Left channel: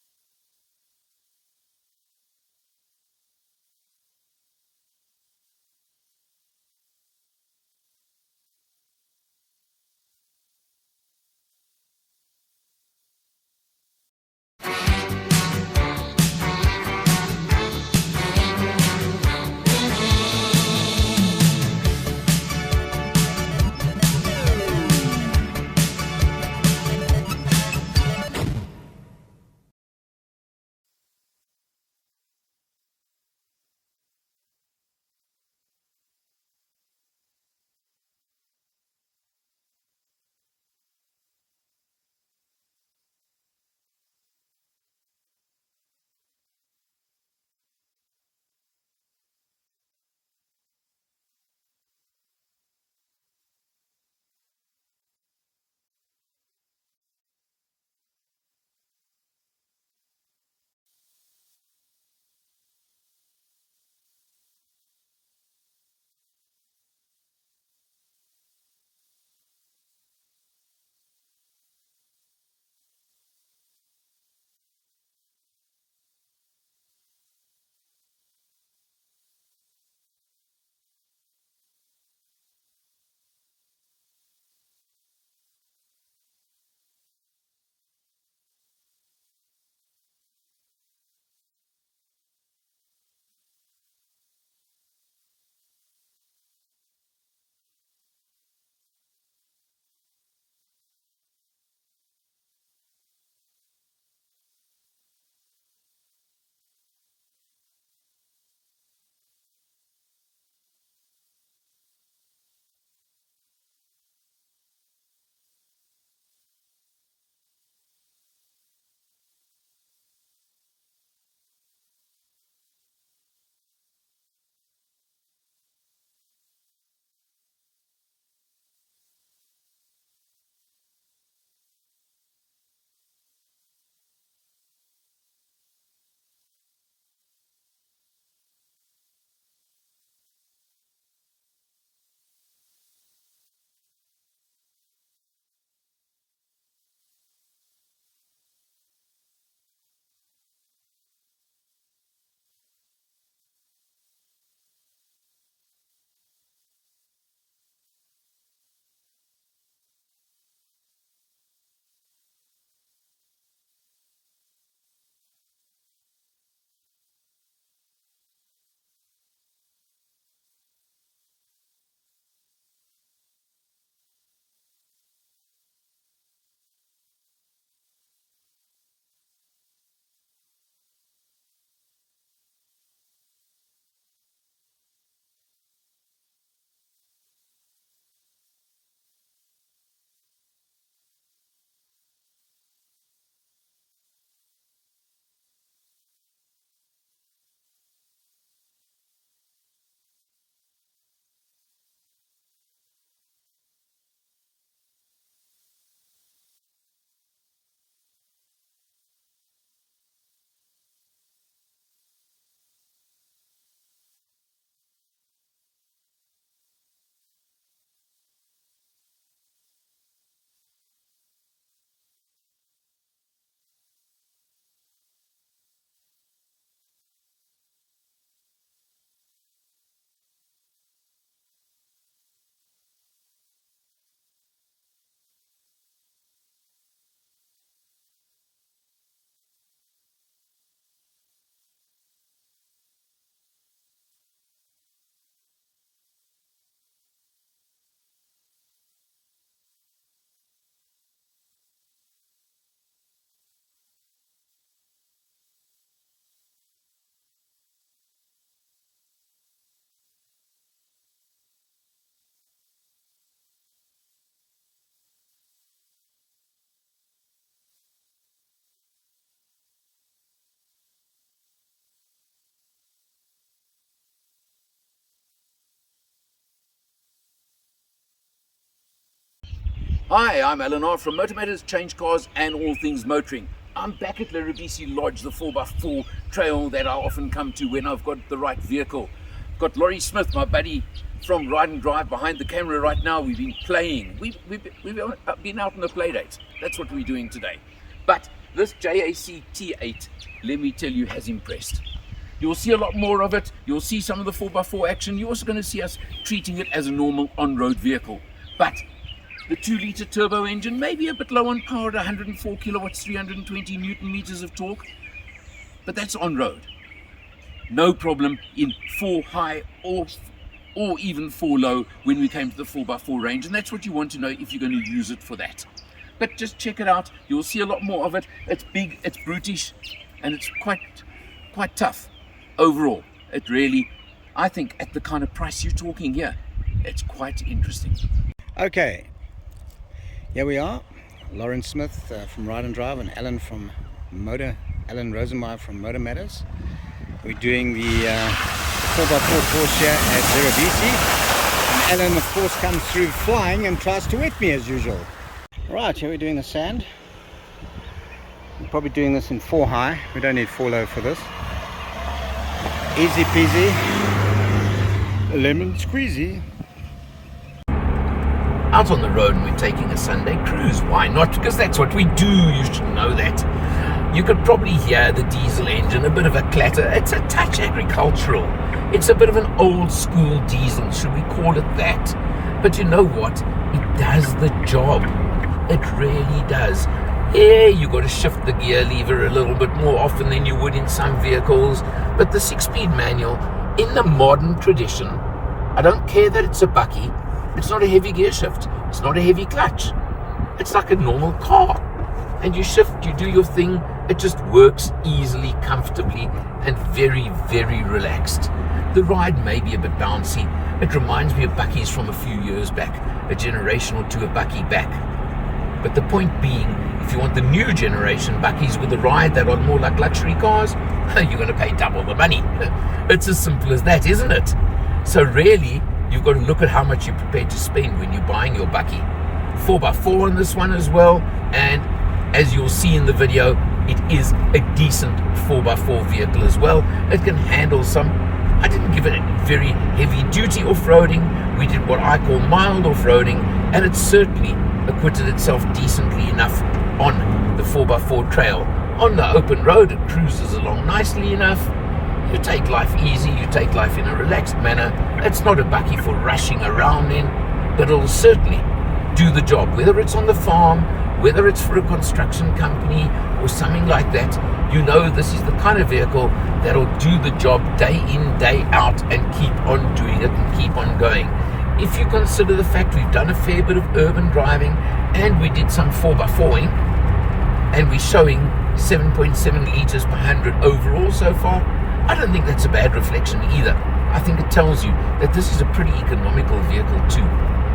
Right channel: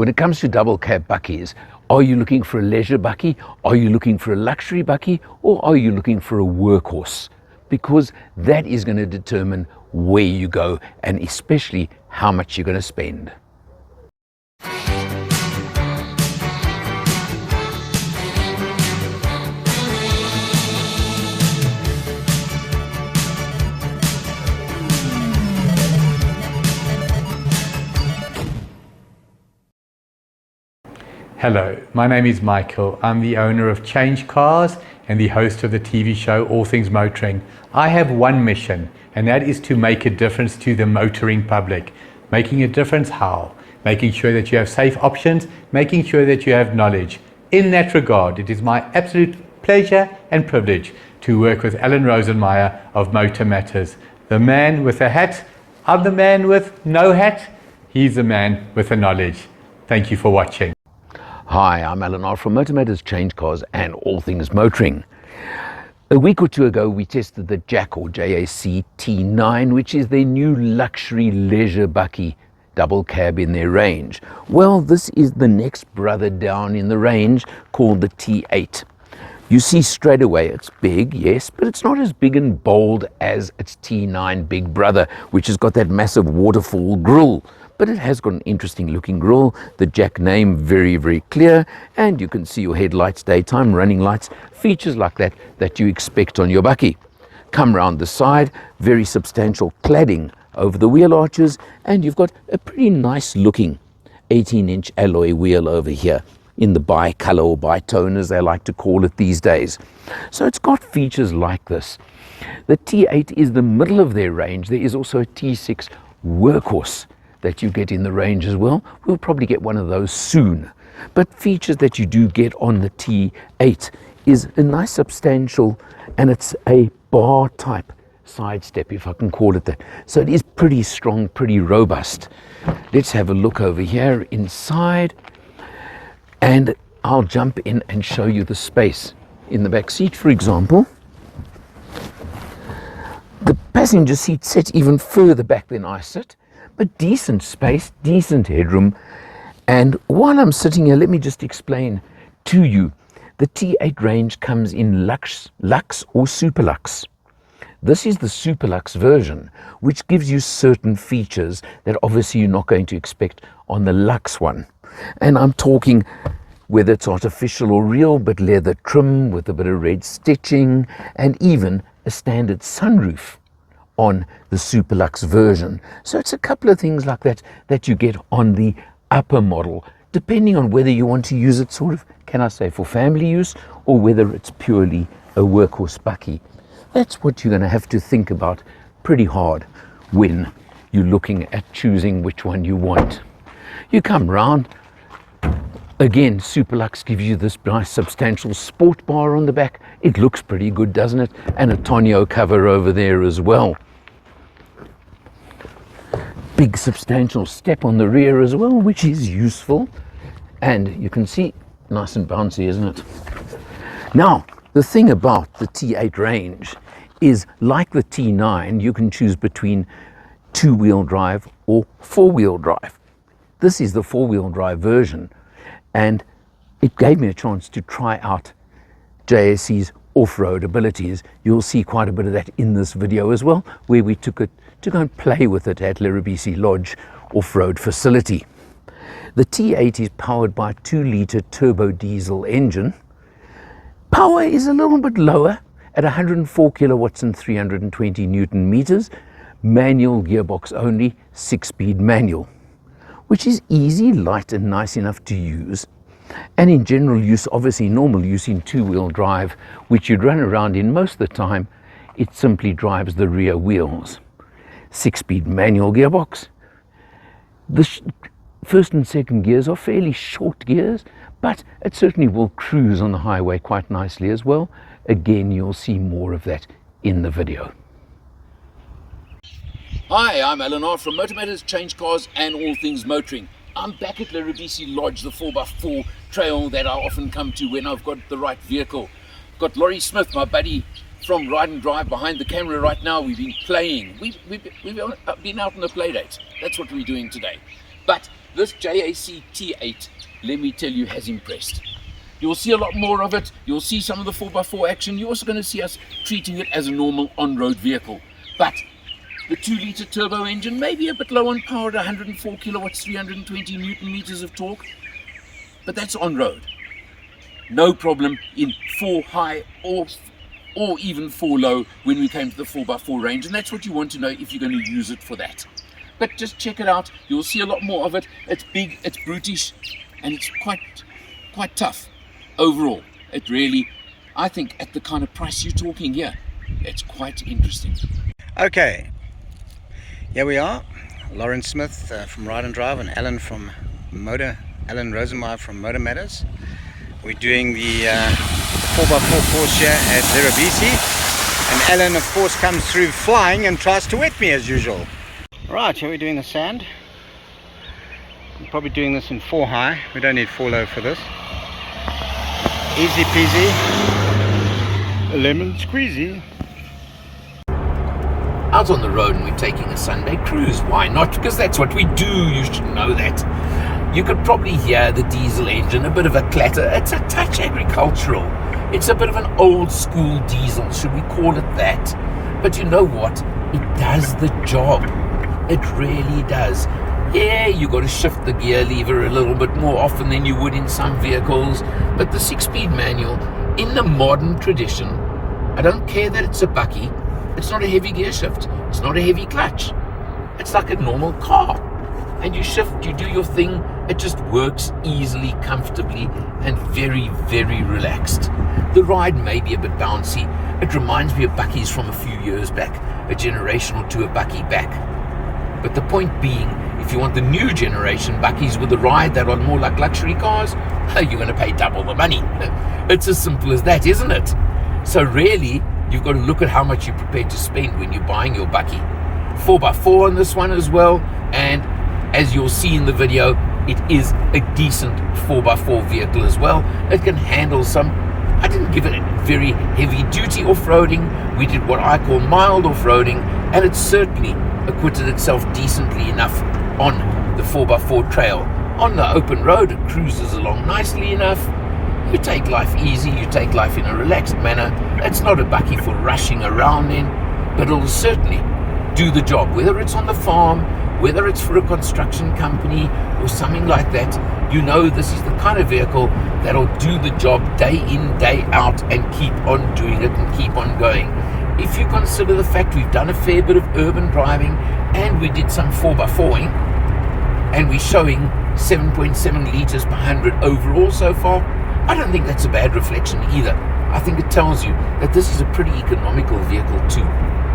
When it comes to double cab bakkies, are you looking for a leisure bakkie? Are you looking for a luxury bakkie? Or are you looking for a workhorse? Because that is going to determine where you go and especially how much you're going to spend. Hello, my name is Michael. I'm the owner of CHANGECARS and the host of the TV show All Things Motoring. I have one mission, and that is to make a difference to the motoring public. Making a difference how? Making sure that you have safe options, making sure that you have knowledge. In that regard, it is my absolute pleasure and privilege to work with Alan Rosenmeyer of MotorMatters. The man with a hat, I'm the man with no hat, he's the man with the knowledge. Thank you for watching. Hi, I'm Alan R from MotorMatters, CHANGECARS and All Things Motoring. A week or two ago we tested the JAC or JAC T9, which is their new luxury leisure bakkie double cab in their range. Well, this is the next brother down in the range called the T8. You see straight away it's big, yes, but it's not as big and bold as its T9 big brother, which has got that massive waterfall grille. But it has got an interesting looking grille, the JAC name very, very clear, and you can see your headlights, daytime running lights, features like that that you expect on your bakkie. Come round the side, very substantial cladding over the wheel arches, and you've got a pretty nice looking 18-inch alloy wheel over here in the bi-color or bi-tone as they like to call it these days. So it's got features like this. The T8 is the middle of their range. There is also a T6 workhorse that you get in the range as well. We'll probably get one of those soon. But features that you do get on the T8 is a nice substantial, and it's a bar type side step, if I can call it that. So it is pretty strong, pretty robust. Let's have a look over here inside, and I'll jump in and show you the space. In the back seat, for example, the passenger seat sits even further back than I sit, but decent space, decent headroom. And while I'm sitting here, let me just explain to you. The T8 range comes in Lux or Super Lux. This is the Super Lux version, which gives you certain features that obviously you're not going to expect on the Lux one. And I'm talking whether it's artificial or real, but leather trim with a bit of red stitching, and even a standard sunroof on the Super Lux version. So it's a couple of things like that that you get on the upper model, depending on whether you want to use it sort of, can I say, for family use, or whether it's purely a workhorse bakkie. That's what you're going to have to think about pretty hard when you're looking at choosing which one you want. You come round, again, Super Lux gives you this nice substantial sport bar on the back. It looks pretty good, doesn't it? And a tonneau cover over there as well. Big substantial step on the rear as well, which is useful. And you can see, nice and bouncy, isn't it? Now, the thing about the T8 range is, like the T9, you can choose between two-wheel drive or four-wheel drive. This is the four-wheel drive version, and it gave me a chance to try out JAC's off-road abilities. You'll see quite a bit of that in this video as well, where we took it to go and play with it at Lerubisi Lodge off-road facility. The T8 is powered by a 2-litre turbo diesel engine. Power is a little bit lower at 104 kilowatts and 320 Newton meters. Manual gearbox only, 6-speed manual, which is easy, light and nice enough to use. And in general use, obviously normal use in two-wheel drive, which you'd run around in most of the time, it simply drives the rear wheels. 6-speed manual gearbox. The first and second gears are fairly short gears, but it certainly will cruise on the highway quite nicely as well. Again, you'll see more of that in the video. Hi, I'm Alan R from MotorMatters, CHANGECARS and All Things Motoring. I'm back at Lerubisi Lodge, the 4x4 trail that I often come to when I've got the right vehicle. I've got Laurie Smith, my buddy from Ride and Drive, behind the camera right now. We've been playing. We've been out on a play date. That's what we're doing today. But this JAC T8, let me tell you, has impressed. You'll see a lot more of it. You'll see some of the 4x4 action. You're also going to see us treating it as a normal on-road vehicle. But the 2-litre turbo engine may be a bit low on power at 104 kilowatts, 320 newton meters of torque, but that's on-road. No problem in 4 high or even 4 low when we came to the 4x4 range, and that's what you want to know if you're going to use it for that. But just check it out. You'll see a lot more of it. It's big, it's brutish, and it's quite tough overall. It really, I think, at the kind of price you're talking here, it's quite interesting. Okay, here we are. Lauren Smith from Ride and Drive, and Alan Rosenmeyer from MotorMatters. We're doing the 4x4 course here at Zerabisi, and Alan of course comes through flying and tries to wet me as usual. Right, here we're doing the sand. We're probably doing this in 4 high. We don't need 4 low for this. Easy peasy, lemon squeezy. Out on the road and we're taking a Sunday cruise. Why not? Because that's what we do. You should know that. You could probably hear the diesel engine, a bit of a clatter. It's a touch agricultural. It's a bit of an old school diesel, should we call it that? But you know what? It does the job. It really does. Yeah, you got to shift the gear lever a little bit more often than you would in some vehicles. But the 6-speed manual, in the modern tradition, I don't care that it's a bucky. It's not a heavy gear shift. It's not a heavy clutch. It's like a normal car. And you shift, you do your thing. It just works easily, comfortably, and very, very relaxed. The ride may be a bit bouncy. It reminds me of buckies from a few years back, a generation or two of bucky back. But the point being, if you want the new generation buckies with a ride that are more like luxury cars, you're going to pay double the money. It's as simple as that, isn't it? So really, you've got to look at how much you're prepared to spend when you're buying your bucky. 4x4 on this one as well, and as you'll see in the video, it is a decent 4x4 vehicle as well. It can handle some, I didn't give it very heavy duty off-roading. We did what I call mild off-roading, and it certainly acquitted itself decently enough on the 4x4 trail. On the open road, it cruises along nicely enough. You take life easy, you take life in a relaxed manner. It's not a bucky for rushing around in, but it'll certainly do the job, whether it's on the farm, whether it's for a construction company or something like that. You know this is the kind of vehicle that'll do the job day in, day out, and keep on doing it and keep on going. If you consider the fact we've done a fair bit of urban driving and we did some 4x4ing, and we're showing 7.7 litres per 100 overall so far, I don't think that's a bad reflection either. I think it tells you that this is a pretty economical vehicle too.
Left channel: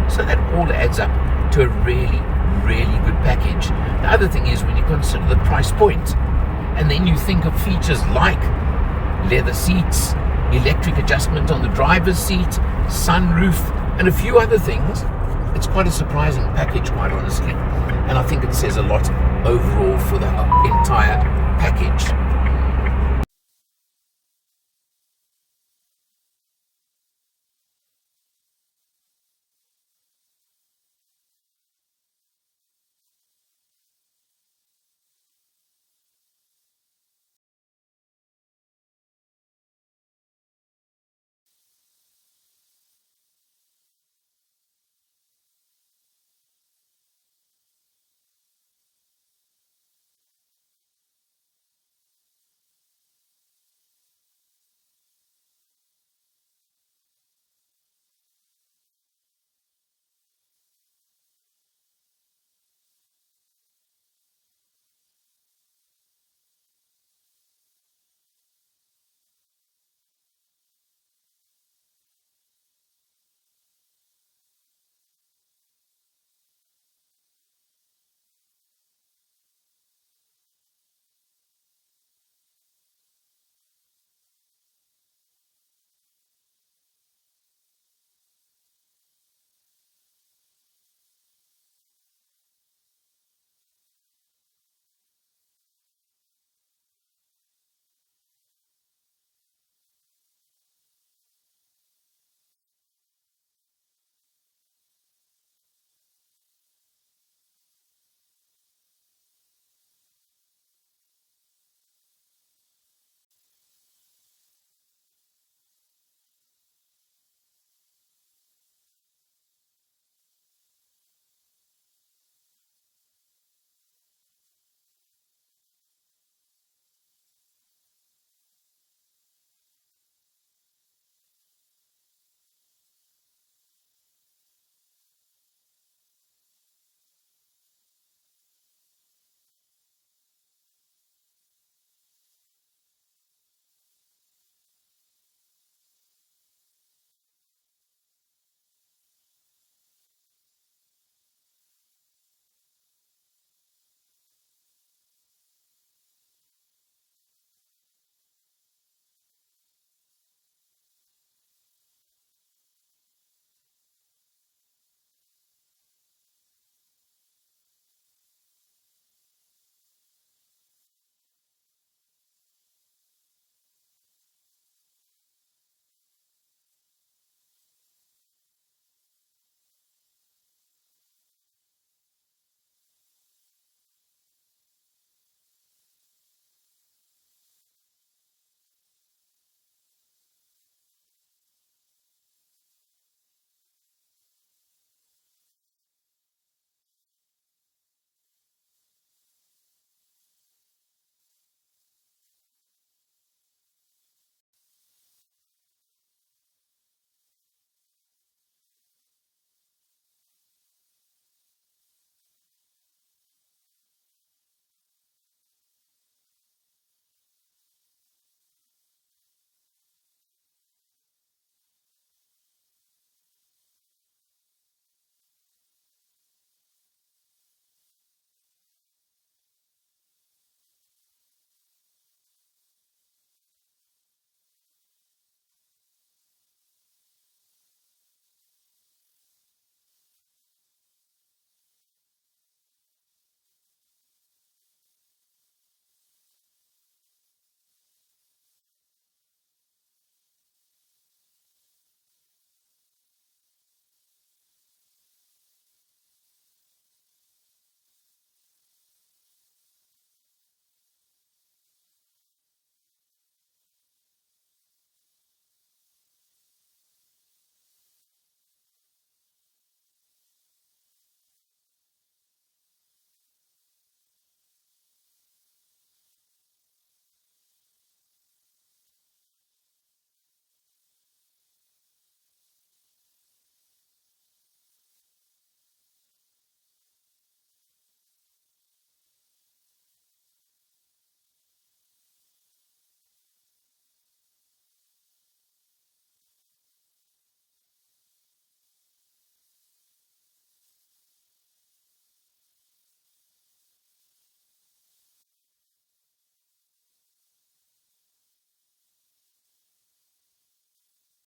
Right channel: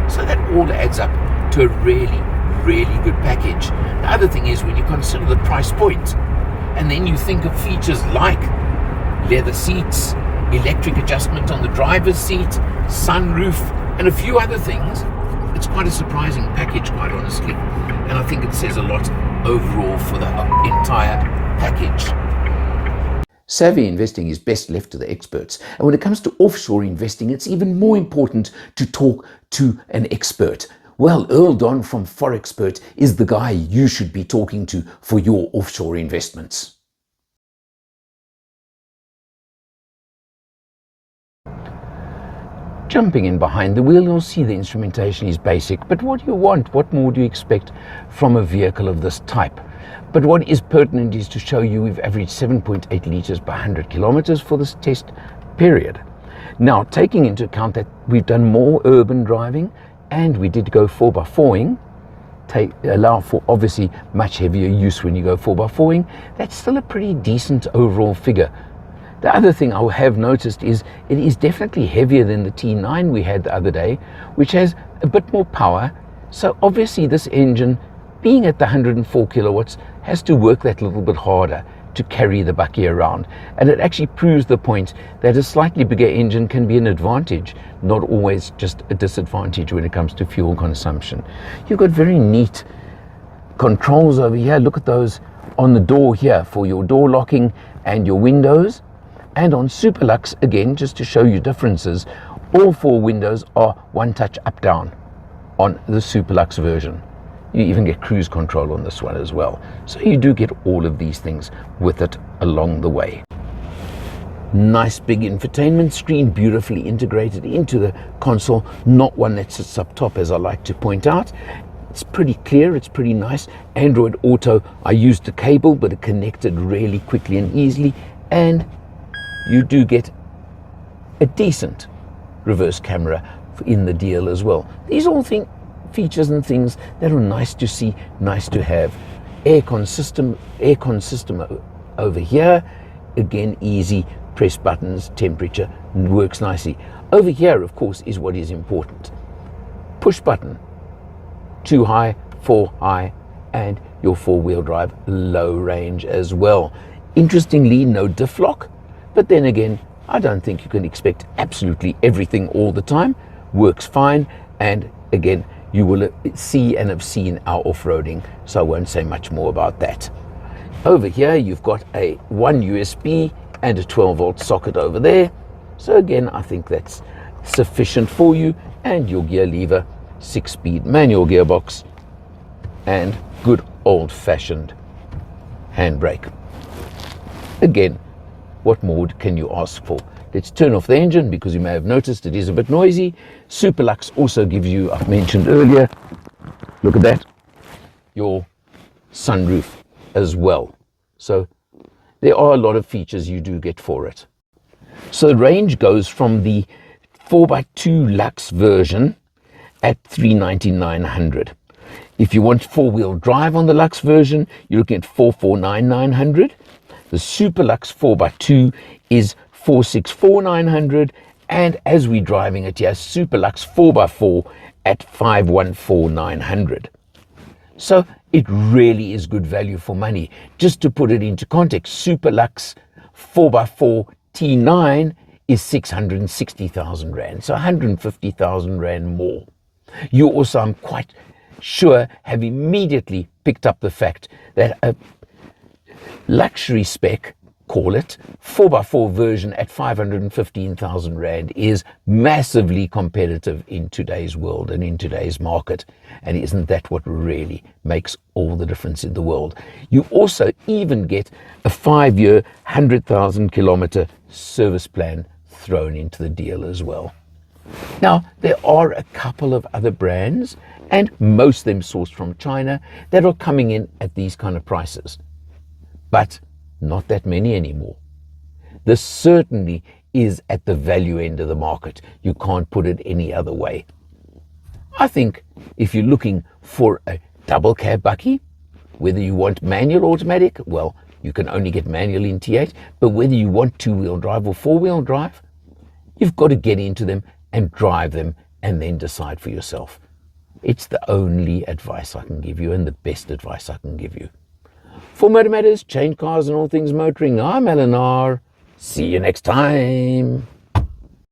So that all adds up to a really, really good package. The other thing is when you consider the price point, and then you think of features like leather seats, electric adjustment on the driver's seat, sunroof, and a few other things, it's quite a surprising package, quite honestly. And I think it says a lot overall for the entire package. Savvy investing is best left to the experts. And when it comes to offshore investing, it's even more important to talk to an expert. Well, Earl Don from Forexpert is the guy you should be talking to for your offshore investments. Jumping in behind the wheel, you'll see the instrumentation is basic. But what do you want? What more do you expect from a vehicle of this type? But what is pertinent is to show you we've averaged 7.8 litres per 100 kilometers for this test period. Now, taking into account that we've done more urban driving and we did go 4x4ing, allow for obviously much heavier use when you go 4x4ing, that's still a pretty decent overall figure. The other thing I have noticed is it is definitely heavier than the T9 we had the other day, which has a bit more power. So obviously this engine, being at the 104 kilowatts, has to work that little bit harder to carry the bucky around. And it actually proves the point that a slightly bigger engine can be an advantage, not always just a disadvantage when it comes to fuel consumption. You've got very neat controls over here. Look at those on the door here for your door locking and your windows. And on Superlux, again, just to show you differences, all 4 windows are one touch up down on the Superlux version. You even get cruise control on this one as well. So you do get all of these things with it along the way. Nice big infotainment screen, beautifully integrated into the console, not one that sits up top, as I like to point out. It's pretty clear, it's pretty nice. Android Auto, I used the cable, but it connected really quickly and easily, and you do get a decent reverse camera in the deal as well. These all features and things that are nice to see, nice to have. Aircon system over here, again easy, press buttons, temperature, works nicely. Over here, of course, is what is important. Push button, 2 high, 4 high, and your 4-wheel drive low range as well. Interestingly, no diff lock, but then again, I don't think you can expect absolutely everything all the time. Works fine, and again, you will see and have seen our off-roading, so I won't say much more about that. Over here, you've got one USB and a 12-volt socket over there. So again, I think that's sufficient for you, and your gear lever, 6-speed manual gearbox, and good old-fashioned handbrake. Again, what more can you ask for? Let's turn off the engine, because you may have noticed it is a bit noisy. Superlux also gives you, I've mentioned earlier, look at that, your sunroof as well. So there are a lot of features you do get for it. So the range goes from the 4x2 Lux version at $399,900. If you want 4-wheel drive on the Lux version, you're looking at $449,900. The Super Lux 4x2 is $464,900, and as we're driving it here, Super Lux 4x4 at $514,900. So it really is good value for money. Just to put it into context, Super Lux 4x4 T9 is 660,000 Rand, so 150,000 Rand more. You also, I'm quite sure, have immediately picked up the fact that a luxury spec, call it, 4x4 version at 515,000 Rand is massively competitive in today's world and in today's market. And isn't that what really makes all the difference in the world? You also even get a 5-year, 100,000 kilometer service plan thrown into the deal as well. Now, there are a couple of other brands, and most of them sourced from China, that are coming in at these kind of prices. But not that many anymore. This certainly is at the value end of the market. You can't put it any other way. I think if you're looking for a double cab bakkie, whether you want manual or automatic, well, you can only get manual in T8, but whether you want 2-wheel drive or 4-wheel drive, you've got to get into them and drive them and then decide for yourself. It's the only advice I can give you, and the best advice I can give you. For MotorMatters, Change Cars and all things motoring, I'm Eleanor. See you next time.